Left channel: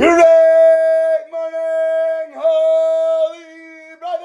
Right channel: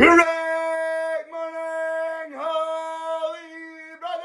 Great morning, holy brothers!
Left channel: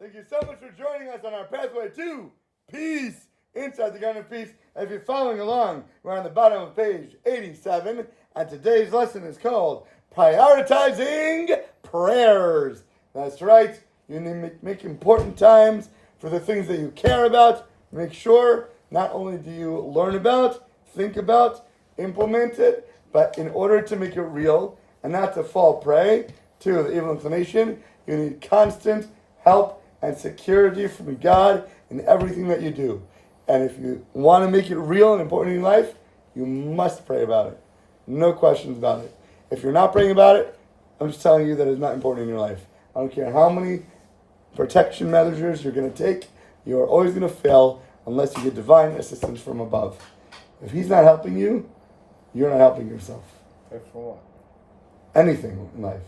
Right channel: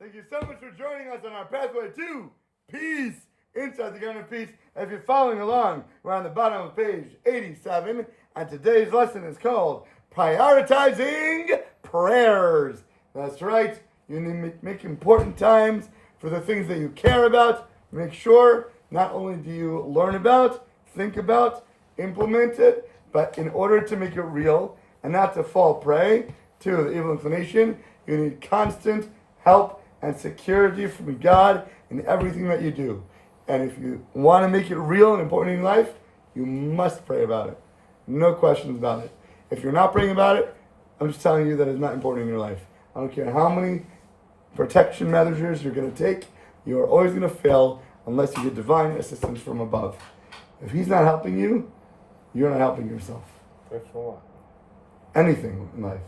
Thank you so much for joining us on our pathway to peace, inside the garden of peace. If you're following along, we're on the bottom of page 87, and today's lesson is called Prioritizing Prayers. That's right, you need to make important times for the things that you care about. Make sure not only do you learn about, think about, implement it, but in order to make it real and not to fall prey to the evil inclination, you need constant help and security from God in everything that you do. And if you want to make it real and important in your life, you must pray about it. No questions about it. If you're not praying about it, I'm just telling you that it's not important in your life. I don't care how many protection measures you're going to take, you are always going to fail unless you get divine assistance from above. If he's not helping you, you're not helping yourself. Pray for what? Anything in life.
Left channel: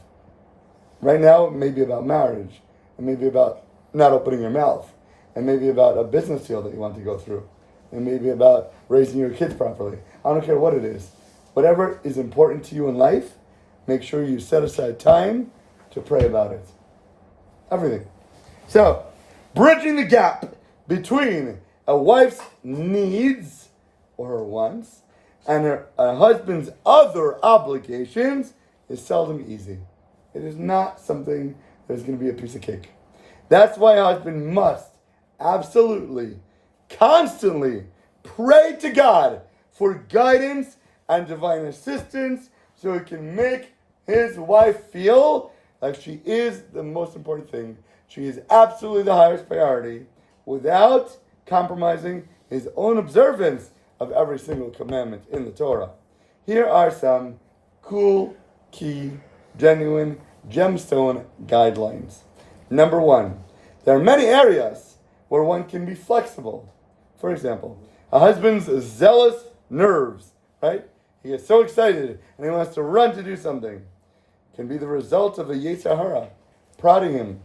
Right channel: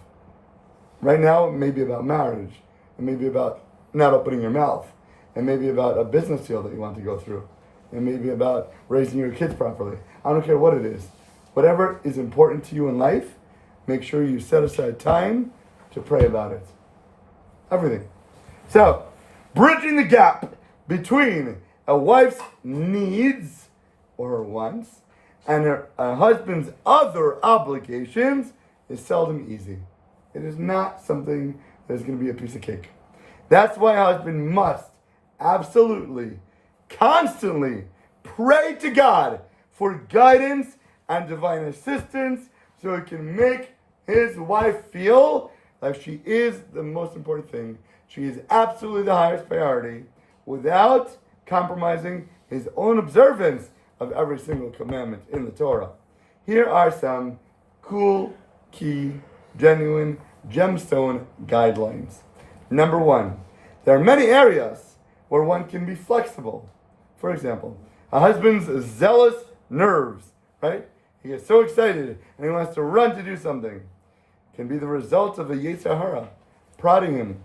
Right now, it may be about marriage. It may be about not opening your mouth. It may be about a business deal that you want to go through. It may be about raising your kids properly. I don't care what it is. Whatever is important to you in life, make sure you set aside time to pray about it. Everything. So, bridging the gap between a wife's needs or her wants and a husband's other obligations is seldom easy. It is not something that is going to be a piece of cake. That's why a husband must absolutely, constantly pray to God for guidance and divine assistance so he can make his wife feel like she is the most important thing. She is absolutely the highest priority without compromising his own observance of every single commandment in the Torah. Here are some cool, key, genuine, gemstone guidelines. Number one, there are many areas where one can be flexible. For example, a husband's zealous nerves, right? He gets so excited and he wants to run to do something. Can be the result of a Yetzer Hara prodding him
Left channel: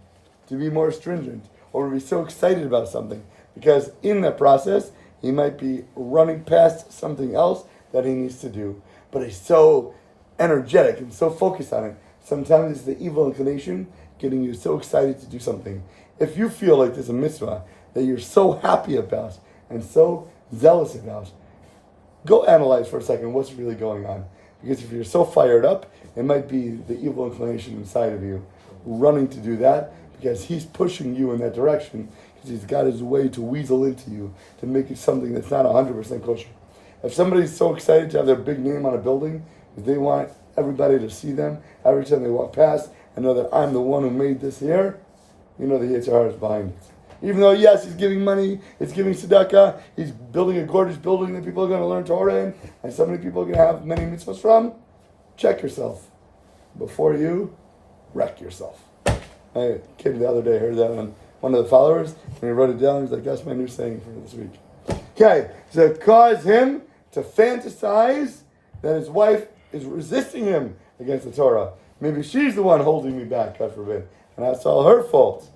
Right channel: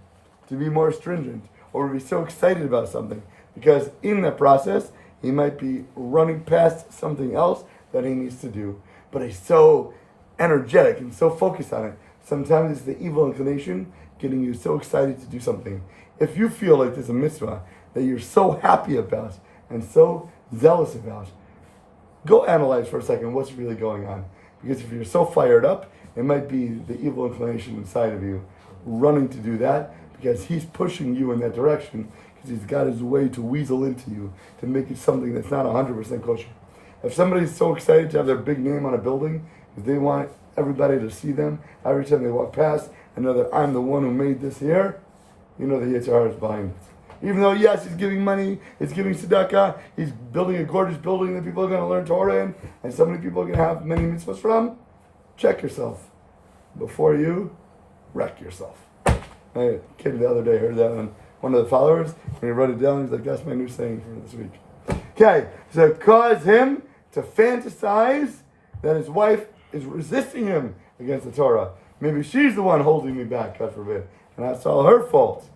to be more stringent or to be so excited about something, because in that process he might be running past something else that he needs to do, but he's so energetic and so focused on it. Sometimes it's the evil inclination getting you so excited to do something. If you feel like there's a mitzvah that you're so happy about and so zealous about, go analyze for a second what's really going on. Because if you're so fired up, it might be the evil inclination inside of you running to do that, because he's pushing you in that direction, because he's got his way to weasel into you to make it something that's not 100% kosher. If somebody's so excited to have their big name on a building, because they want everybody to see them every time they walk past and know that I'm the one who made this here, you know the Yetzer Hara is behind it. Even though, yes, he's giving money, he's giving tzedakah, he's building a gorgeous building that people are going to learn Torah in, and so many people are going to have many mitzvahs from, check yourself before you wreck yourself. A kid the other day heard that on one of the followers, and he wrote it down. He's like, that's my new saying for this week. Okay, so cause him to fantasize that his wife is resisting him against the Torah. Maybe she's the one holding me back, God forbid, and that's all her fault.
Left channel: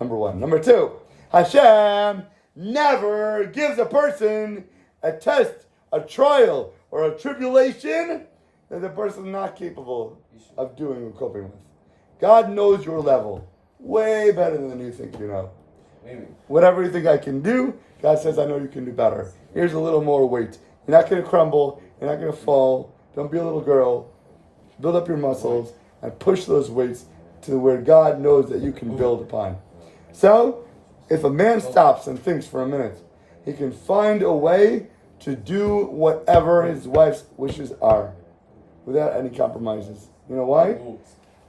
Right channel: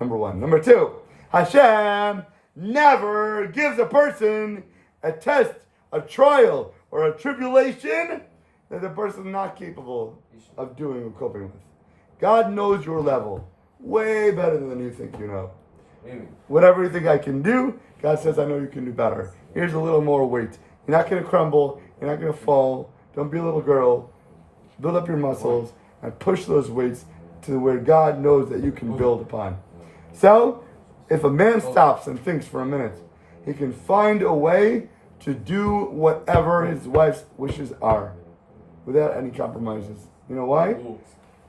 Number one. Number two, Hashem never gives a person a test, a trial, or a tribulation that the person is not capable of doing or coping with. God knows your level way better than you think you know. Amen. Whatever you think I can do, God says, I know you can do better. Here's a little more weight. You're not going to crumble. You're not going to fall. Don't be a little girl. Build up your muscles and push those weights to where God knows that you can build upon. So, if a man stops and thinks for a minute, he can find a way to do whatever his wife's wishes are without any compromises. You know why?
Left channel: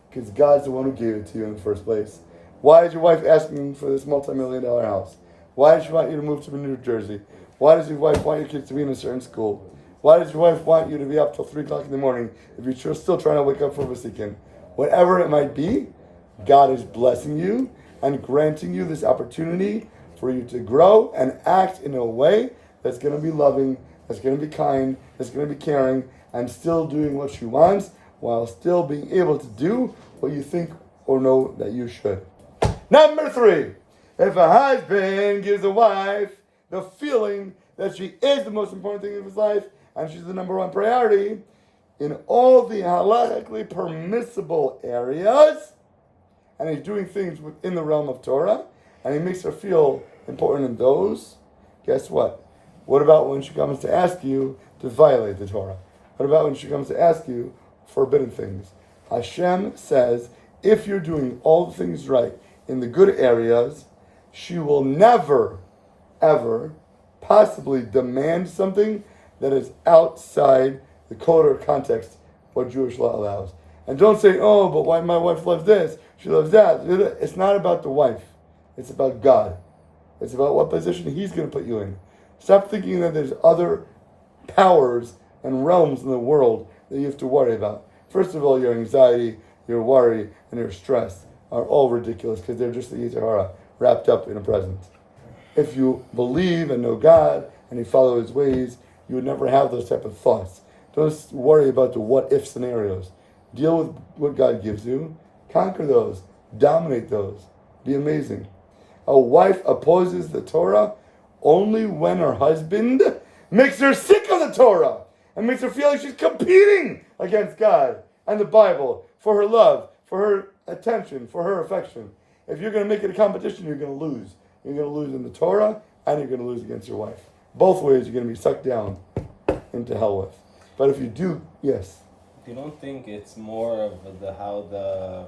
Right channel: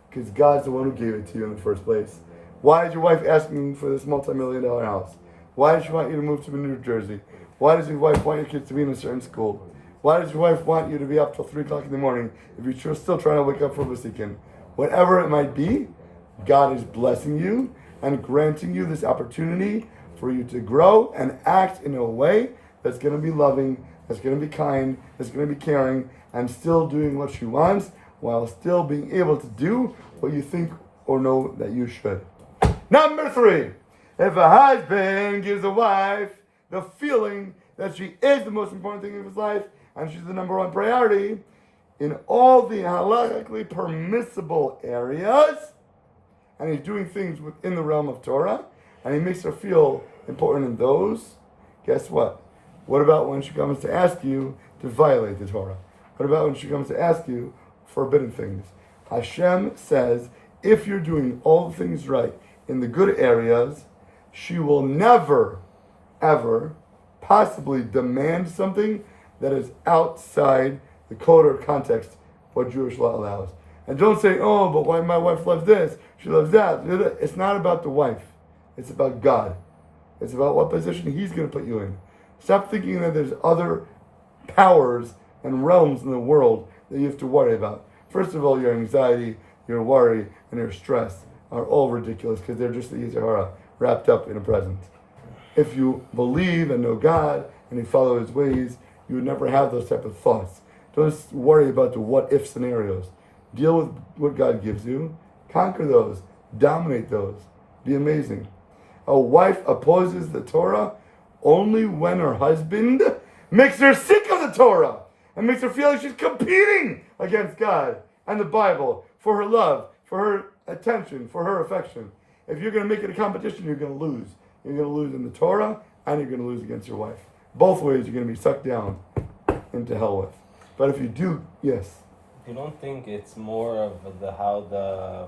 Because God's the one who gave it to you in the first place. Why is your wife asking for this multi-million-dollar house? Why does she want you to move to New Jersey? Why does your wife want your kids to be in a certain school? Why does your wife want you to be up till 3 o'clock in the morning if you're still trying to wake up for Vasikin? Whatever it might be, God is blessing you and granting you this opportunity for you to grow and act in a way that's going to be loving, that's going to be kind, that's going to be caring, and still doing what she wants while still being able to do what you think or know that you should. Number 3, if a husband gives a wife the feeling that she is the most important thing in his life and she's the number one priority in all the halachically permissible areas, and he's doing things within the realm of Torah, and he makes her feel important in those, guess what? What about when she comes to ask you to violate the Torah? What about when she comes to ask you forbidden things? Hashem says, if you're doing all the things right in the good areas, she will never, ever possibly demand something that is outside the code or context what Jewish law allows. And don't say, oh, but why my wife loves this, she loves that. It's not about the wife. It's about God. It's about what position He's going to put you in. Stop thinking that there's other powers and realms in the world that you have to worry about. First of all, your anxiety, your worry, and your stress are all ridiculous because they're just the Yetzer Hara wrapped up in a present. If you believe and know God and you follow His ways, you would never have those type of thoughts. Don't worry about the what-if scenarios. Deal with what God gives you. Conquer those. Dominate those. Be amazing. A wife opposes the Torah only when her husband makes her sick of the Torah and makes her feel like she's competing against God and the Bible for her love, for her attention, for her affection. If you're going to make it a competition, you're going to lose. You're going to lose in the Torah and you're going to lose against your wife. Both ways you're going to be sucked down into hell with. But if you do, yes. You don't think it's more of how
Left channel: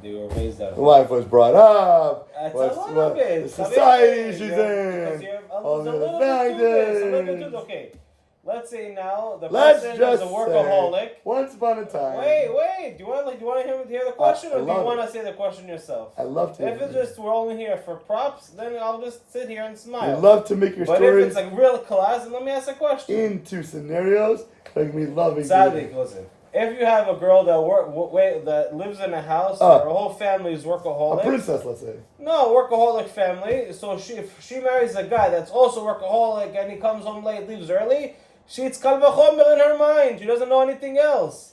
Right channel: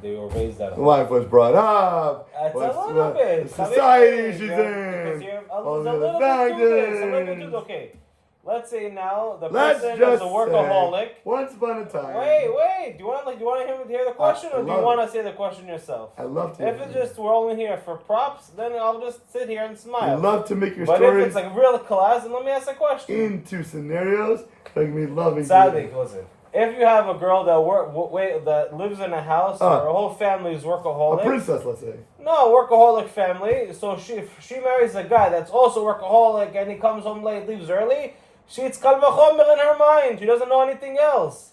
they were raised that the wife was brought up. It's a little bit. The society she's in. All the other factors. Okay. Let's say now the person is a workaholic. Once upon a time. Wait. Do you want to hear the question, or do you want to say the question yourself? I love to. If it's just we're only here for props, then I'll just sit here and smile. I love to make your stories. But if it's like real class, then let me ask a question. Into scenarios like me loving. Sadik, listen. If you have a girl that lives in a house, her whole family is workaholic. A princess, let's say. No, workaholic family. So if she marries a guy that's also workaholic and he comes home late, leaves early, she's kal v'chomer in her mind. She doesn't know anything else.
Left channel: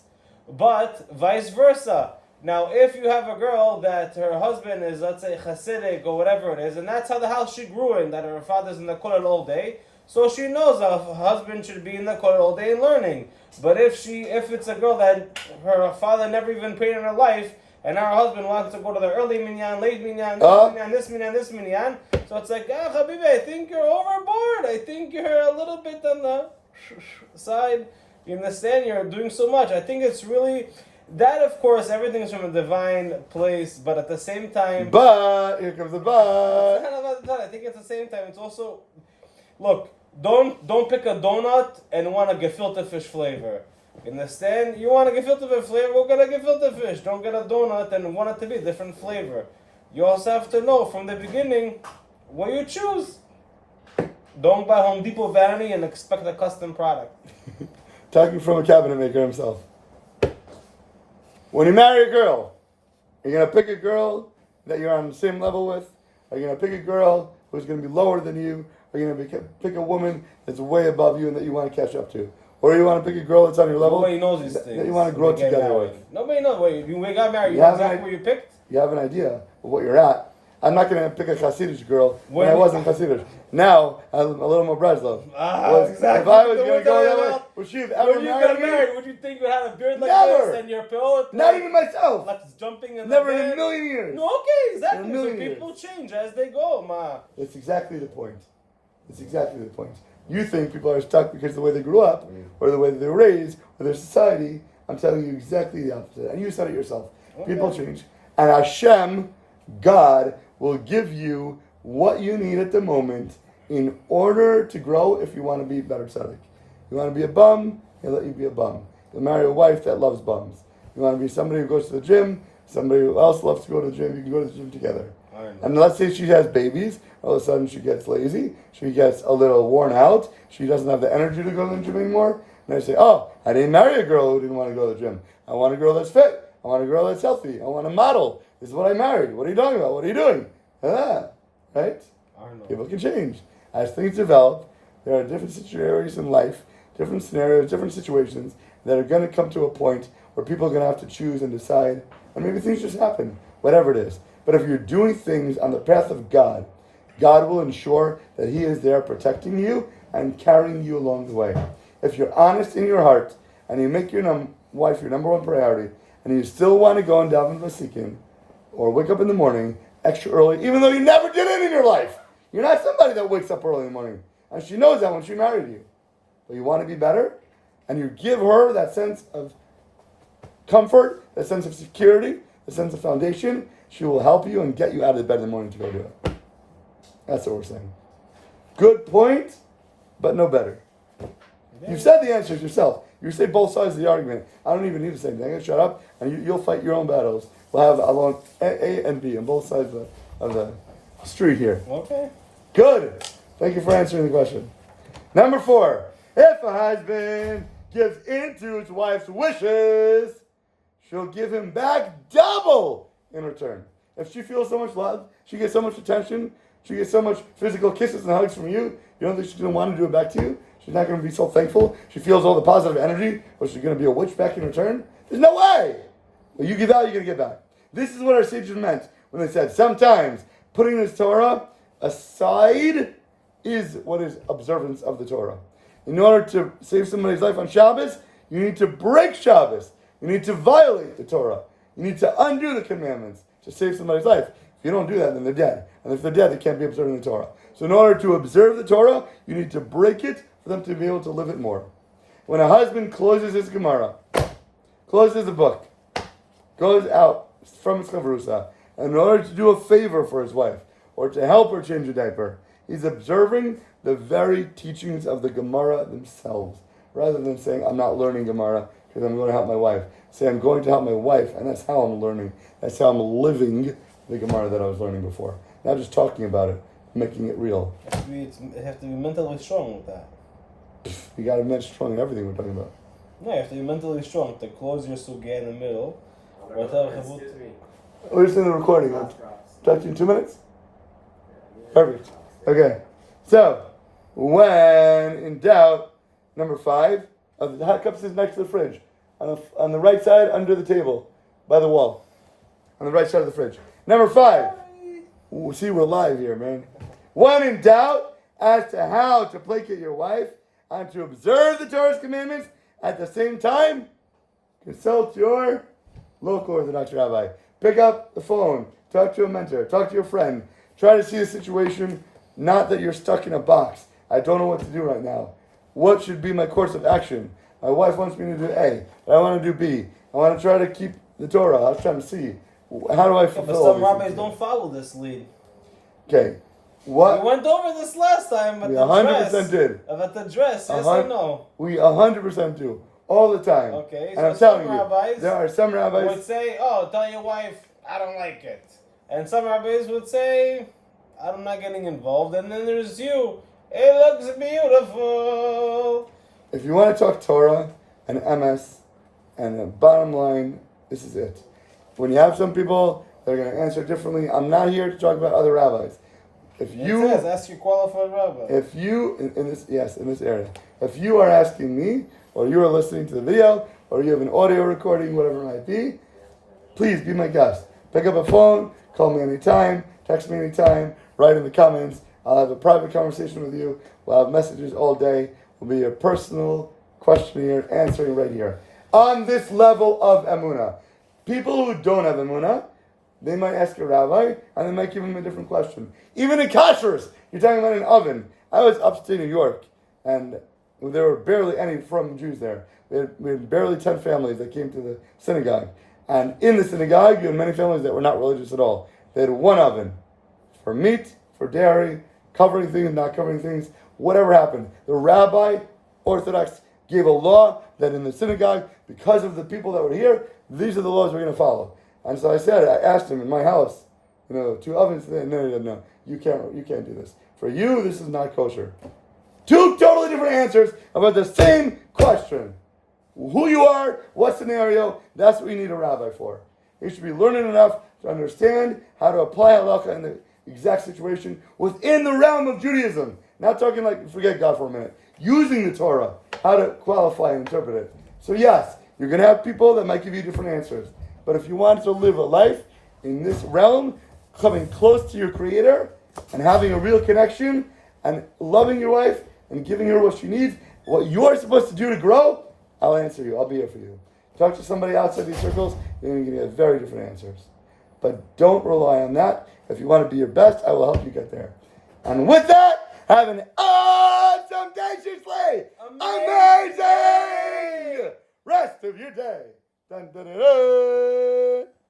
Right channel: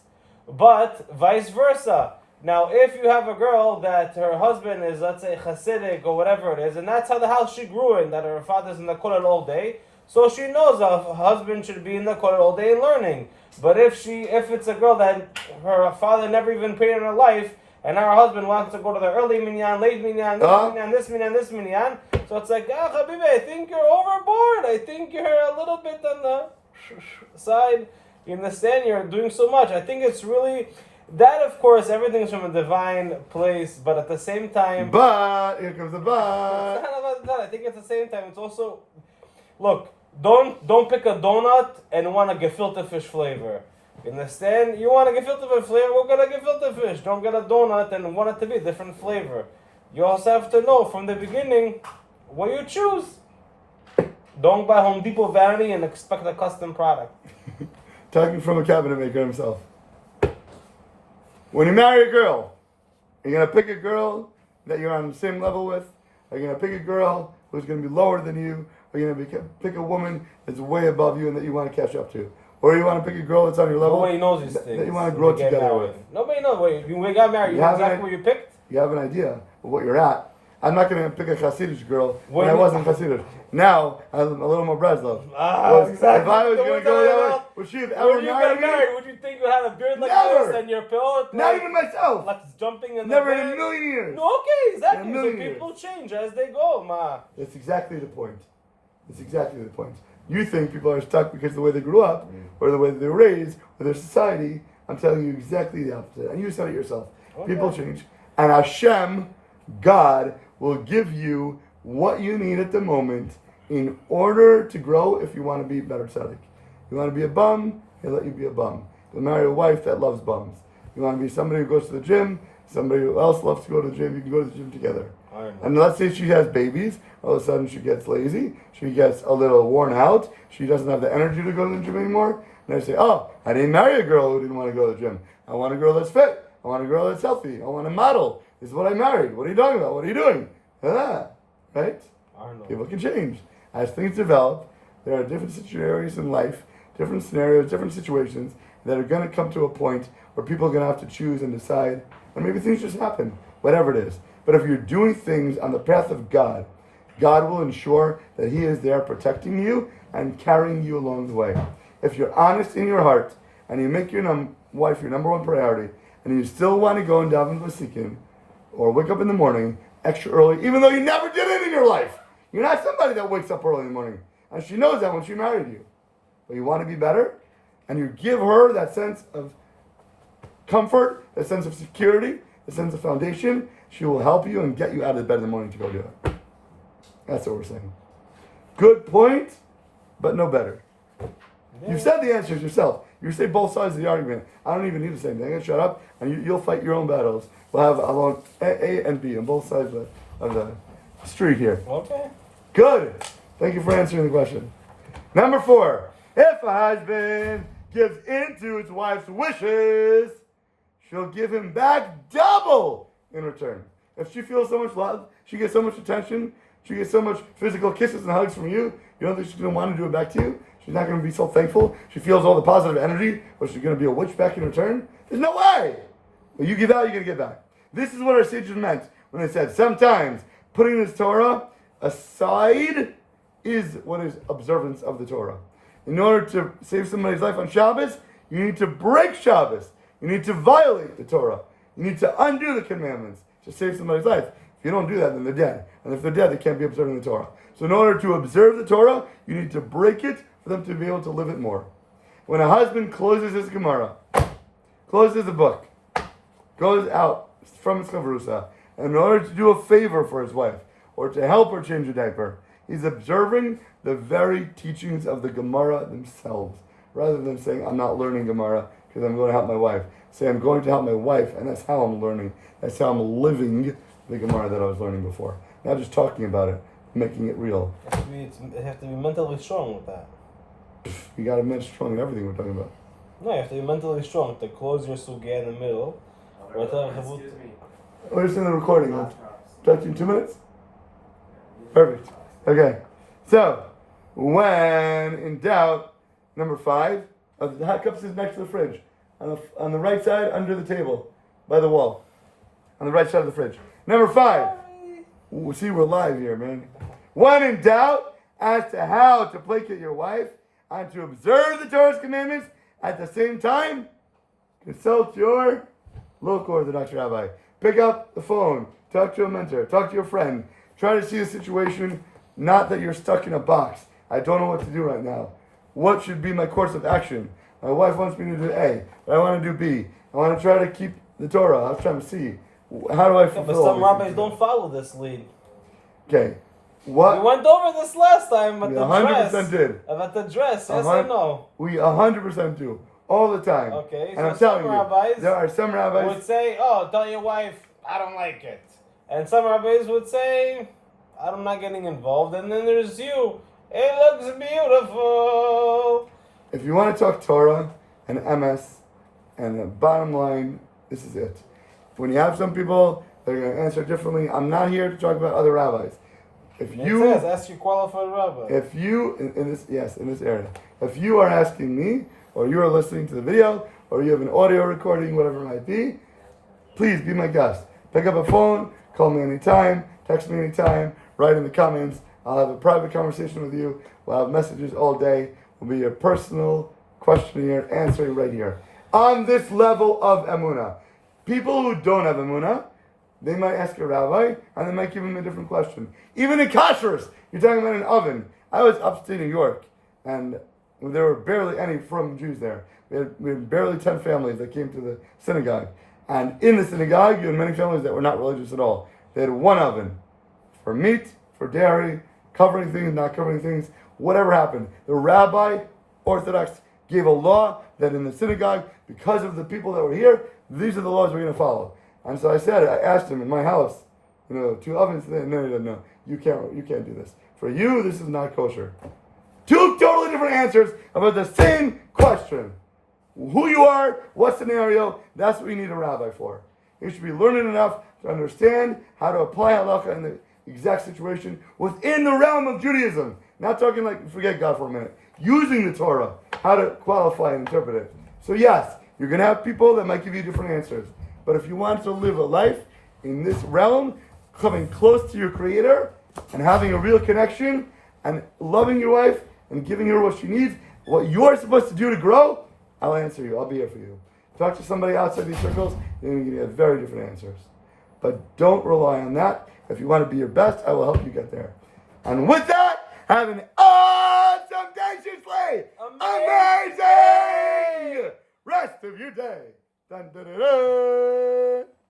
But vice versa. Now, if you have a girl that her husband is, let's say, Hasidic or whatever it is, and that's how the house she grew in, that her father's in the kollel all day, so she knows her husband should be in the kollel all day learning. But if it's a girl that her father never even prayed in her life, and her husband wants to go to the early minyan, late minyan, this minyan, so it's like, Habibi, I think you're overboard. I think you're a little bit on the side. You understand? You're doing so much. I think it's really that. Of course, everything's from a divine place, but at the same time, but here comes the but. It's not about that. I think at the same time, it's also look. Don't pick a donut and want a gefilte fish flavor. You understand? You want a gefilte fish flavor, go get a gefilte fish. Don't get a donut and want it to be a different flavor. You also have to know from the beginning what you choose. Don't buy Home Depot vanity and expect a custom product. Talking from a cabinet maker himself. When you marry a girl, you're going to pick a girl that you're on the same level with? Are you going to pick a girl who's going to be lower than you? Or you're going to pick a woman that's way above you and that you want to catch up to? Or you want to pick a girl that's on your level? Nobody knows these things. That you want to grow together with? Nobody knows. Wait, you got married. You know exactly where you picked? You have an idea of what you're at. I'm not going to pick a Hasidic girl when I wasn't Hasidic. Now, I'm a little more Breslov. Exactly. If I was going to go that way, would she have ever married me? Would you think you had a beard like Never. this and your pillow? Not even myself. Like jumping in Never the in a million years. No, okay, exactly. In a million so people change as they go, ma. That's exactly the point. It's exactly the point. You think people are stuck because of the way they grew up, or the way they were raised, or their society. I'm telling you exactly the opposite. And you said it yourself. Okay. People change. And Hashem, God, will give you what you need at the moment in order to grow if you want to be better tzaddik. You want to be a bum, he'll let you be a bum. You'll marry a wife that loves bums. You want to be somebody who goes to the gym, somebody who else loves to go to the gym, you can go to the gym together. And let's say she has babies, all of a sudden she gets lazy, she gets a little worn out, she doesn't have the energy to go to the gym anymore, and they say, oh, I didn't marry a girl who didn't want to go to the gym. I want a girl that's fit. I want a girl that's healthy. I want a model. This is what I married. What are you talking about? What are you doing? Right? People can change. As things develop, there are different situations in life, different scenarios, different situations that are going to come to a point where people are going to have to choose and decide, and maybe things just happen, whatever it is. But if you're doing things on the path of God, God will ensure that He is there protecting you and carrying you along the way. if you're honest in your heart and you make your wife your number one priority, and you still want to go and daven vasikin, or wake up in the morning extra early, even though you never did it in your life. You're not somebody that wakes up early in the morning, and she knows that when she married you. But you want to be better, and you give her that sense of comfort, that sense of security, that sense of foundation. She will help you and get you out of bed in the morning to go do it. That's what we're saying. Good point, but no better. You've said the answers yourself. You say both sides of the argument. I don't even need to say anything. Shut up, and you'll fight your own battles. We'll have along A and B on both sides of the street here. Okay. Good. Thank you for answering the question. Number 4. If a husband gives in to his wife's wishes, she'll give him back double in return. If she feels so much love, she gets so much attention, she gets so much physical kisses and hugs from you, you don't think she's going to want to do it back to you? She's not going to be so thankful. She feels all the positive energy, but she's going to be a witch back in return? There's no way. What you give out, you're going to get back. This is what our sages meant when they said sometimes putting this Torah aside is what is observance of the Torah. In order to save somebody's life on Shabbos, you need to break Shabbos. You need to violate the Torah. You need to undo the commandments to save somebody's life. If you don't do that, then they're dead. And if they're dead, they can't be observing the Torah. So in order to observe the Torah, you need to break it for them to be able to live it more. When a husband closes his Gemara, closes a book, goes out from his chavrusa, and in order to do a favor for his wife, or to help her change a diaper, he's observing the very teachings of the Gemara themselves, rather than saying, I'm not learning Gemara because I'm going to help my wife. Say, I'm going to help my wife, and that's how I'm learning. That's how I'm living the Gemara that I was learning before. Not just talking about it, making it real. You have to be mentally strong with that. You got to be strong in everything we're talking about. No, you have to be mentally strong to close your sugya in the middle. We're just in the recording. I'm talking 2 minutes? Perfect. Okay. So, when in doubt, number 5, the hot cups is next to the fridge. On the right side, under the table, by the wall. On the right side of the fridge. Number 5. See, we're live here, man. When in doubt as to how to placate your wife and to observe the Torah's commandments at the same time, consult your local Orthodox rabbi. Pick up the phone. Talk to a mentor. Talk to your friend. Try to see the situation, not that you're stuck in a box. I don't know what to do right now. What should be my course of action? My wife wants me to do A, but I want to do B. I want to try to keep the Torah. I was trying to see. How do I fulfill but some rabbis don't follow this lead. Okay. What? We went over this last time, but we the 100% dress. did. About the dress, yes or no? We 100% do. All the time. Okay, and so I'm telling some you, rabbis there are some rabbis would say, oh, tell your wife, I don't like it. And some rabbis would say, I'm not getting involved. And then there's you. It looks beautiful. If you want to talk Torah and MS, and the bottom line, this is it. When you have some people that are going to answer differently, I'm not here to talk about other rabbis. If you it says, ask your qualified rabbi. If you in this area, if you are asking me, or you are listening to the video, or you have an audio recording, whatever it might be, please be my guest. Pick up a phone, call me anytime, text me anytime, write in the comments. I'll have a private conversation with you. We'll have messages all day. We'll be a personal questionnaire answering right here. On this level of emunah. People who don't have emunah, they might ask a rabbi, and they might give him a different question. Even in kashrus, you're talking about an oven. I was upstate New York, and there were barely any from Jews there. We had barely 10 families that came to the synagogue. And in the synagogue, you had many families that were not religious at all. They had one oven for meat, for dairy, covering things, not covering things, whatever happened. The rabbi, Orthodox, gave a law that in the synagogue, because of the people that were here, these are the laws we're going to follow. And so I asked him in my house, 2 ovens, no, you can't do this. For you, this is not kosher. 2 totally different answers about the same question. Who you are, what scenario, that's what you need a rabbi for. You should be learning enough to understand how to apply halakha in the exact situation within the realm of Judaism. Not talking like, forget God for a minute. Using the Torah, how to qualify and interpret it. So yes, you're going to have people that might give you different answers. But if you want to live a life in this realm, coming close to your Creator, and having a real connection, and loving your wife, and giving her what she needs, what you're supposed to do to grow, I'll answer you. I'll be here for you. Talk to somebody outside these circles, they're going to give you very different answers. But don't rely on that. If you want to be your best, I will help you get there. And with that, have an awesome day, Shisley! Amazing! Rest of your day. Dun, dun, dun, dun.